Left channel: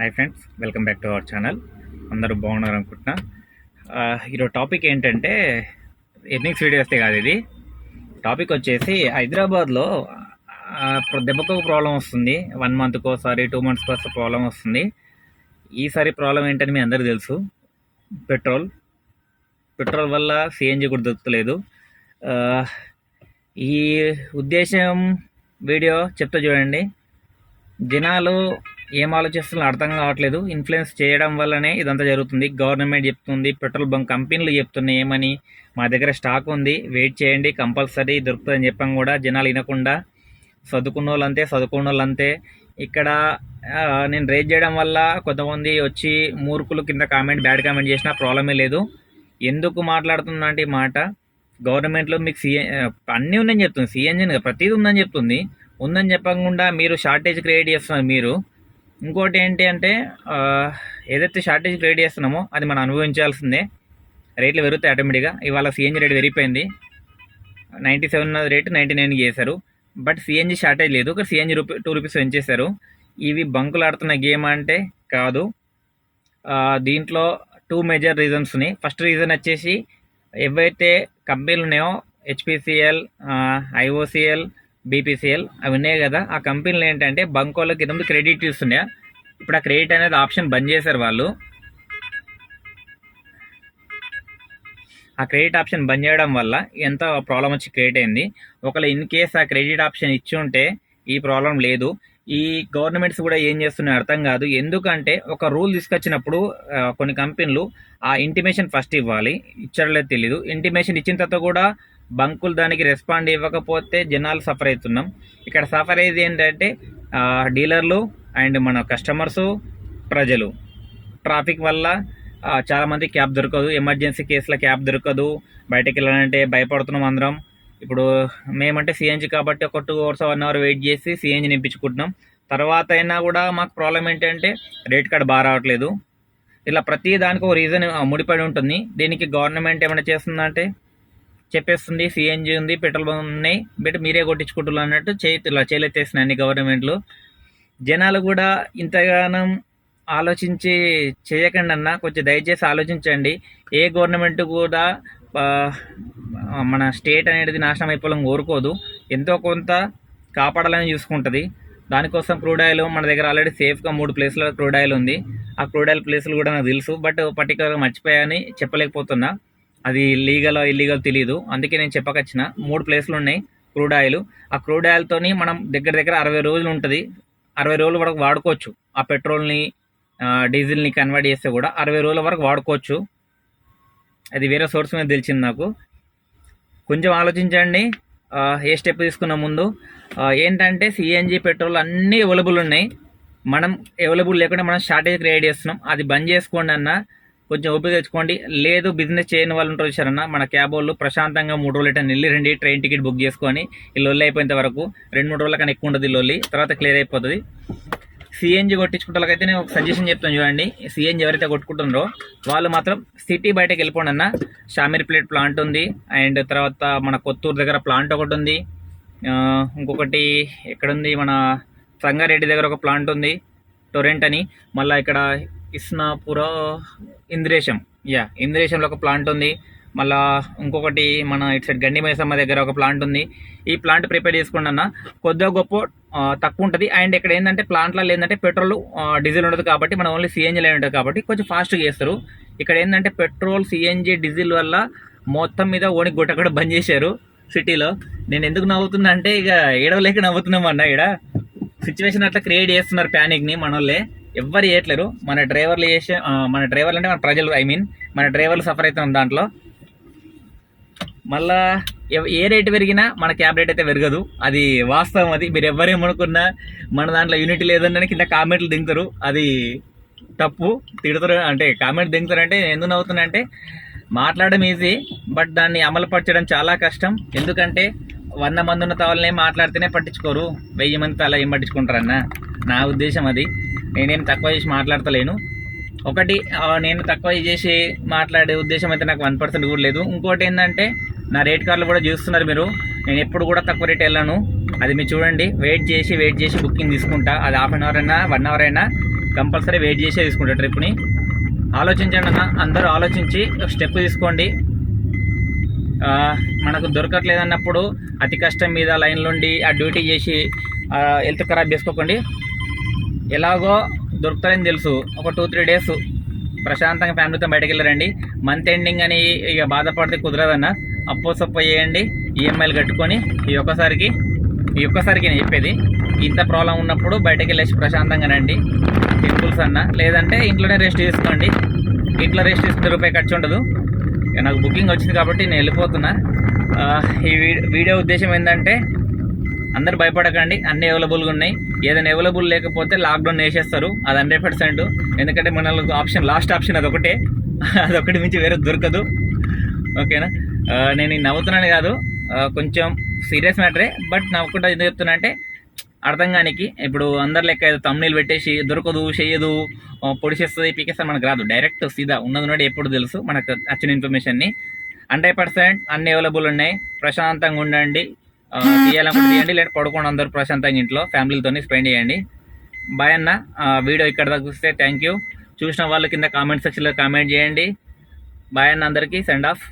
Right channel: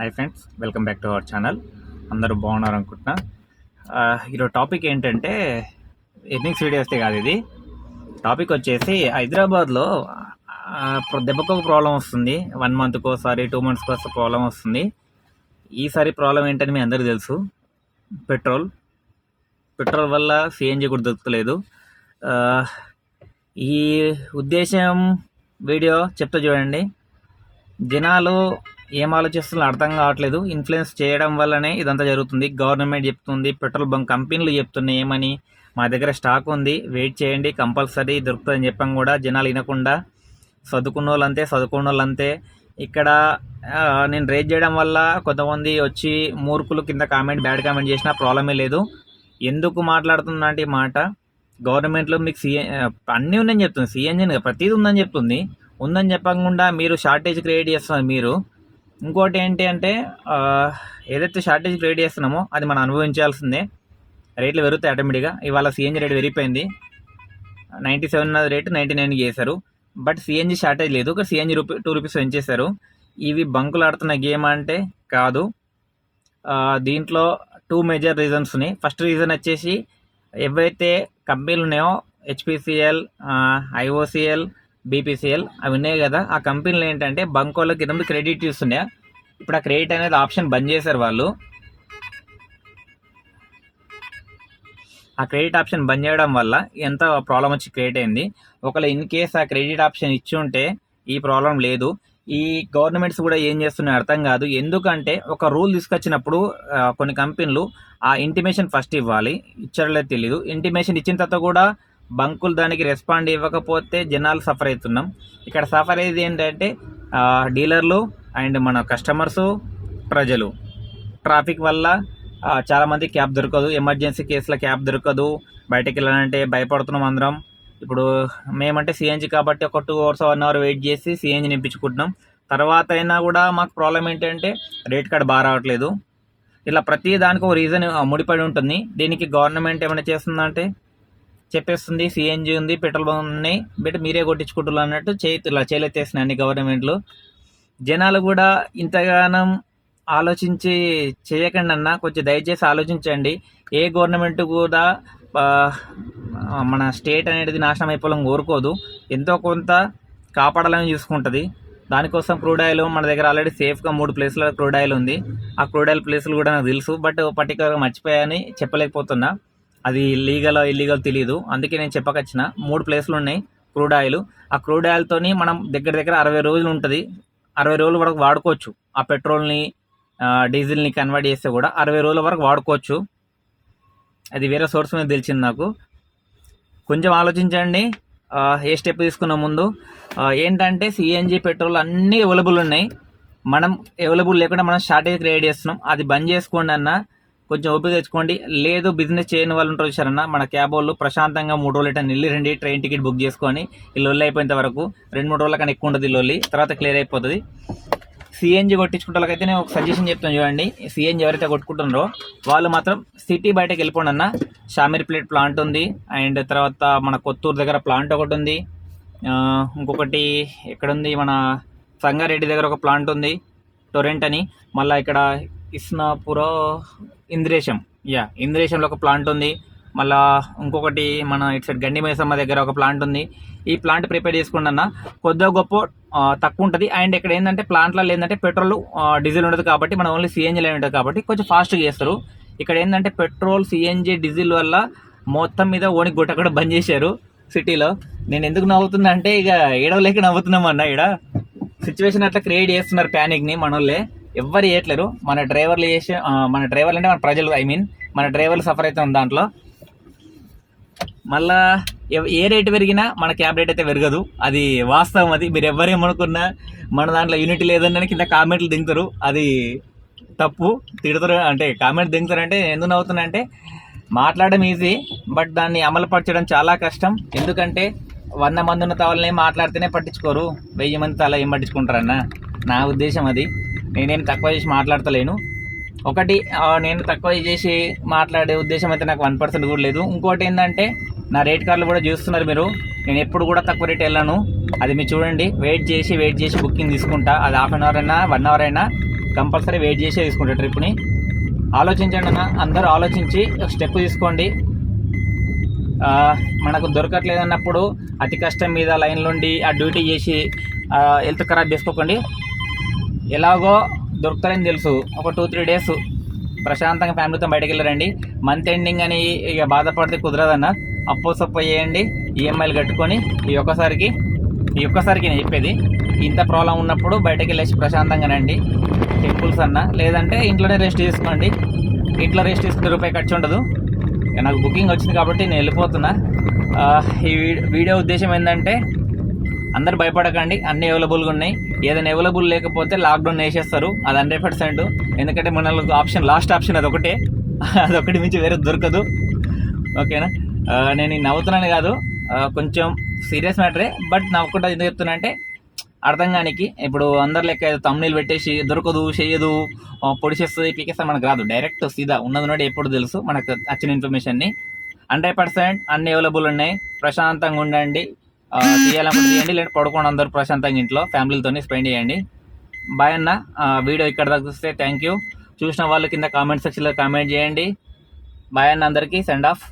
Hi friends, welcome back to our channel. అందరూ బాగున్నారు అనుకుంటున్నా. ఈరోజు టాపిక్ ఏంటంటే ఎర్నింగ్స్ వీడియోస్తే కాదు, ఇది టాపిక్ వచ్చేసి హైదరాబాద్లో దెబ్బకు ఒక ప్రాబ్లం వస్తుంది. 1 మంత్కి ఒకసారి 2 మంత్స్కి ఒకసారి ప్రాబ్లం వస్తుంది. ఈసారి ప్రాబ్లం ఏంటని మీ అందరికీ తెలుసు. పెట్రోల్ వల్ల సిఎన్జి కూడా దొరుకుతలేదు. ఈ ఉద్దేశం వీడియో చెప్తా చూడండి. జనాలు ఏం ఆలోచిస్తున్నా అర్థం కావట్లేదు. ఇన్ఫ్లుయెన్స్ చేయడం వల్లనే ఇదంతా జరుగుతుంది. గవర్నమెంట్ చెప్తుంది, పెట్రోల్ బంక్ కంపెనీలు చెప్తున్నాయి ఏమని, మా దగ్గర స్టాక్ ఉంది, వెయిట్ చేయండి, కంపల్సరీ దొరుకుతుందని చెప్పాం కూడా జనాలు వినకుండా చదువుకున్న వాళ్ళంతే. ఇక్కడ నేను రేట్ చేయడం వల్ల కొంతమంది వచ్చి మూర్ఖులు కింద బ్యాడ్ కామెంట్ చేసినా ప్రాబ్లమే లేదు. ఎందుకు మాట్లాడుతున్నా అంటే ఈ మాట, గవర్నమెంట్లో మీకు అన్నీ ఉందని చెప్తుంది, సిఎన్జి ప్రతిదీ ఉందని చెప్తుంది. ఉందని చెప్పకుండా మీరు షార్టేజ్ క్రియేట్ చేస్తున్నారు. మీరు ఇంకోటి ఏంటి అంటే ఏదైతే షార్టేజ్ క్రియేట్ చేస్తున్నామో అది మనం అనుభవించాల్సిందే. రేట్లు పెరుగుతాయి ఆటోమేటిక్గా. ఇవాళ సిఎన్జి రేట్ పెరిగిపోయింది. 97 ఉన్న రేటు 99 చేశారు. బట్ సిఎన్జి షార్టేజ్ లేదు. ఒక సిఎన్జి ₹2 పెంచేశారు. ఇవి బంకులు ఆడుతున్న గేమ్ అంటే కాదు. దీంట్లో 2 మేజర్ రీజన్స్ ఉన్నాయి. ఫస్ట్ రీజన్ వచ్చేసి ఏవైతే కంపెనీలు ఉన్నాయో హెచ్పిసిఎల్, ఐఓసిఎల్, బీపీసీఎల్ అవి ఉన్నాయి కదా, ఆ కంపెనీలు ఏంటంటే బంకోళ్ళకి ఇంతకుముందు క్రెడిట్ ఇస్తుండే. ఇప్పుడు ఆ క్రెడిట్ అనేది ఆప్షన్ బంద్ చేశారు వాళ్ళు. ఆ క్రెడిట్ ఆప్షన్ బంద్ చేయడం వల్ల ఎంత ప్రాబ్లం వచ్చి క్రియేట్ అయింది. ఒకవేళ ఇన్ కేస్ ఆ క్రెడిట్ ఆప్షన్ ఇచ్చి ఉంటే ఈ ప్రాబ్లం లేదు. ఈ గవర్నమెంట్స్ కూడా ఏం చేస్తున్నాయో అర్థం కాదు. ఎందుకంటే ఒక రూల్ తీసుకొచ్చినప్పుడు కొన్ని కంపెనీలు ఆ ఇంటిమేషన్ ఫస్ట్ ఇవ్వాలి, ఇచ్చడలేదు తెలీదు. ఇంటిమేషన్ ఇచ్చిన తర్వాత కూడా బంకులు దానికి రెస్పాండ్ ఇవ్వకపోతే జనాలు సఫర్ అవుతున్నాం. ఇక్కడ సఫర్ అయ్యేది ఏంటంటే డీలర్లు అండ్ మన కస్టమర్సు, ప్రజలు. ట్రాఫిక్ వల్ల చాలామంది క్యాబ్ దొరకదు, ఎమర్జెన్సీ కేసుల క్యాబ్ దొరకదు, బయటకు వెళ్ళాలంటే భయపడుతున్నాం అందరం. ఇప్పుడు మేమంటే సిఎన్జి కాబట్టి ఒక 2 hours 1 hour వెయిట్ చేసి సిఎన్జి నింపించుకుంటున్నాం. తర్వాత అయినా కూడా మాకు ప్రాబ్లం ఏంటంటే రేట్ కార్డ్ బాగా రావట్లేదు. ఇలా ప్రతి దానికి ఒక రీజన్ ముడిపడి ఉంటుంది. దీనికి గవర్నమెంట్ ఏమైనా చేస్తుందంటే చెప్పేస్తుంది, సిఎన్జి ఉంది, పెట్రోల్ బంక్ ఉన్నాయి, బట్ మీరే కొట్టించుకుంటున్నారు అన్నట్టు ఇలా చేయలేసేస్తున్నాయి అన్ని గవర్నమెంట్లు. జనాలు కూడా ఇంతగానం ఆలోచించి చేయకండి అన్న, కొంచెం దయచేసి ఆలోచించండి. ఏ గవర్నమెంట్ కూడా మన స్టేట్ అనేది నాశనం అయిపోవాలని కోరుకోదు. ఎంతో కొంత కాపాడాలని చూసుకుంటుంది. దానికోసం క్రూడ్ ఆయిల్ మన దగ్గర ఆల్రెడీ సేఫ్గా 3 ప్లేస్లో క్రూడ్ ఆయిల్ ఉంది. ఆ క్రూడ్ ఆయిల్ ప్లేసులు కూడా నాకు తెలుసు, బట్ పర్టికులర్గా మర్చిపోయాని చెప్పలేకపోతున్నా. అది లీగల్ ఇల్లీగల్ తెలియదు, అందుకే నేను చెప్పకొచ్చిన. 3 ప్లేసులు ఉన్నాయి క్రూడ్ ఆయిల్. ఆ క్రూడ్ ఆయిల్తోని మనం దగ్గర 60 రోజులు ఉంటుంది. 60 రోజుల వరకు వాడుకోవచ్చు. ఆ పెట్రోల్ని డీజిల్ని కన్వర్ట్ చేస్తే కూడా 60 రోజుల వరకు వాడుకోవచ్చు. అది వేరే సోర్స్ మీద తెలిసింది నాకు. కొంచెం ఆలోచించండి ఏ స్టెప్ తీసుకున్న ముందు. ఏంటంటే సిఎన్జి, పెట్రోల్ అన్నీ అవైలబుల్ ఉన్నాయి. మనం అవైలబుల్ లేకుండా మనం షార్టేజ్ క్రియేట్ చేస్తున్నాం. అది బంద్ చేసుకోండి అన్న, కొంచెం ఓపిక తెచ్చుకోండి. లేదు బిజినెస్ చేయని వాళ్ళు ఉంటారు చూసారన్న, మన క్యాబ్ వాళ్ళు ప్రశాంతంగా 3 రోజులు ఎట్లా వెళ్ళి రండి, ట్రైన్ టికెట్ బుక్ చేసుకొని ఈ లొల్లి అయిపోయేంత వరకు 2-3 రోజుల కన్నా ఎక్కువ ఉంటుంది ఈ లొల్లి, తర్వాత క్లియర్ అయిపోతుంది. సిఎన్జి కొట్టించుకుంటే వాళ్ళకైతే నేను ఒక సజెషన్ చెప్తాను చూడండి. సిఎన్జి ఎవరైతే కొట్టుకుంటున్నారో వాళ్ళు మాత్రం సిటీ బయటకు వెళ్ళిపోండి అన్న. షామీర్పేట్ ప్లాంట్ ఉంది, అండ్ తర్వాత మన కొత్తూరు దగ్గర ప్లాంట్ ఒకటి ఉంది. ఇంకొకటి ఎక్కడుంది, మన సంగారెడ్డి దగ్గర ఒక ప్లాంట్ ఉంది, టొరెంట్ అని. మళ్ళీ ఇక్కడ ఇస్నాపుర, ఇంద్రేశంలో ఒక ప్లాంట్ ఉంది. మళ్ళీ ఇంకొకటి మన ఇటు సైడ్ గండి మైసమ్మ దగ్గర ఒక ప్లాంట్ ఉంది. ఈ ప్లాంట్ ప్రిపేర్ చేసుకోండి అన్న, కొద్దిగా గొప్ప తక్కువ ఉంటుంది. అండ్ ఇక్కడ ఏంటంటే ప్లాంట్లలో ఏంటంటే పెట్రోల్ డీజిల్ ఉండదు కాబట్టి మన ఓన్లీ సిఎన్జీ లైన్ ఉంటుంది కాబట్టి కొంచెం ఫాస్ట్గా చేస్తారు. ఇక్కడ ఏంటంటే పెట్రోల్, సిఎన్జీ, డీజిల్ వల్ల మొత్తం మీద ఓనికి గుట్ట కూడా బంద్ చేశారు సిటీలో. నేను ఎందుకు నవ్వుతున్నా అంటే ఇక ఏడవలేక నవ్వుతున్నాం అన్న. ఇక్కడ సిచ్యువేషన్ అట్లా క్రియేట్ చేస్తున్నారు ప్యానిక్ని మన వాళ్ళే, ఎవ్వరు చేయట్లేరు. మన డ్రైవర్లు అంటే మన ప్రజలు, మన డ్రైవర్లు సఫర్ అవుతాం దాంట్లో. మళ్ళా ఏ రేటు పెరిగినా మన క్యాబ్ రేట్ అయితే పెరగదు, అది వాస్తవం. అది మీరు ఎవరేమనుకున్నా మన దాంట్లో యూనిటీ లేదని కింద కామెంట్లు దిగుతారు, అది తప్పు. తిడతారు అంటే కామెంట్ దిగుతారు అంటే ఎందుకు నవ్వుతున్నా అంటే, మాట్లాడడం ఈజీ బట్ దాన్ని అమలుపరచడం చాలా కష్టం. ఎందుకంటే 100 మంది ఉన్న తవలనే మాట్లాడితేనే పట్టించుకోరు, 1000 మంది తల ఏం పట్టించుకుంటారన్న నా ఉద్దేశం. అది నేనేం తక్కువ చేసి మాట్లాడతలేను. ఒకటి నేను తక్కువ చేసి మాట్లాడే ఉద్దేశం అయితే నాకు 1% కూడా లేదు. ఇంకోటి ఏంటంటే నా రేట్ కార్డులు కూడా చూస్తున్నారు మీరు, నేను ఎప్పుడు కూడా తక్కువ రేట్ వెళ్ళాను. అది మీరు చూడండి, వెయిట్ చేసి బుకింగ్ తీసుకుంటా. అది 1/2 hour అయినా 1 hour అయినా కంపల్సరీ వెయిట్ చేసే తీసుకుంటారు ట్రిప్ని. ఆలోచించండి అన్న, అందరూ ఆలోచించి స్టెప్ తీసుకోండి. మనకు దొరకట్లేదు అన్నప్పుడు అతి కష్టం మీద లైన్లుండి ఆ డ్యూటీ చేసి హెల్త్ ఖరాబ్ చేసుకోకండి. ఎలాగో దొరుకుతారని తెలుసు, ఒక 2-3 డేస్ ప్రశాంతంగా ఫ్యామిలీతో బయటకు వెళ్ళరండి. మంత్ ఎండింగ్ అని ఇక బాధపడితే కుదరదన్న. అప్పో సప్పో చేయండి, ఈఎంఐలు కట్టుకొని ఈ ఒక్కసారికి నేను చెప్పేది. ఇంత ప్రాబ్లం ఉన్నప్పుడు బయటకు వెళ్ళేసి ప్రశాంతంగా రండి, టెంపుల్స్ అన్న. లేదంటే ఇంట్లోనే రెస్ట్ తీసుకోండి. ఇంట్లో రెస్ట్ తీసుకుంటే రూపాయి ఖర్చు ఉండదు. నాకు బుకింగ్ వచ్చింది కాబట్టి నేను వెళ్ళిపోతున్నా. ఈ వీడియో ఉద్దేశం ఏంటంటే అందరు భయపడకండి, అన్నీ అవైలబుల్గా ఉన్నాయి. ఏదైనా అవైలబుల్ లేకపోతే లాక్డౌన్ వేసేస్తారు, అది 100%. ఎందుకంటే మన ఆప్షన్, లాస్ట్ ఆప్షన్ అదొకటి మించి వేరే దొరకదు. ఓకేనా? నేను నవ్వుతున్నాను కాదు, కొంచెం సీరియస్ మ్యాటరే. బట్ నా ఒక్కటి ఎందుకు చెప్తున్నా అంటే అర్థం కానికి. ఇప్పుడు అందరి లెక్క ఏదో తమ్ముళ్ళు పెట్టేసి దొరకదు, చెయ్యదు, పొడిచేస్తుంది, పీకేస్తుంది మనకు రాదు. డైరెక్ట్ సీదా ఉన్నది ఎప్పుడు తెలుసు మనకు వచ్చిన ఇన్ఫర్మేషన్ని. 100% అన్ని అవైలబుల్ ఉన్నాయి. ప్రశాంతంగా ఉండండి. తీయాలనుకుంటే తీయండి, లేదంటే పడుకోండి అందరూ ప్రశాంతంగా ఇంట్లో ఫ్యామిలీతో స్పెండ్ చేయండి. బాయ్ అన్న. వీడియో ఇక్కడ దాకా చూస్తే థ్యాంక్ యూ. చూసిన వాళ్ళు కింద కామెంట్ సెక్షన్లో కామెంట్ చేయండి. బాయ్ అన్న, అందరికీ సెండ్ ఆఫ్.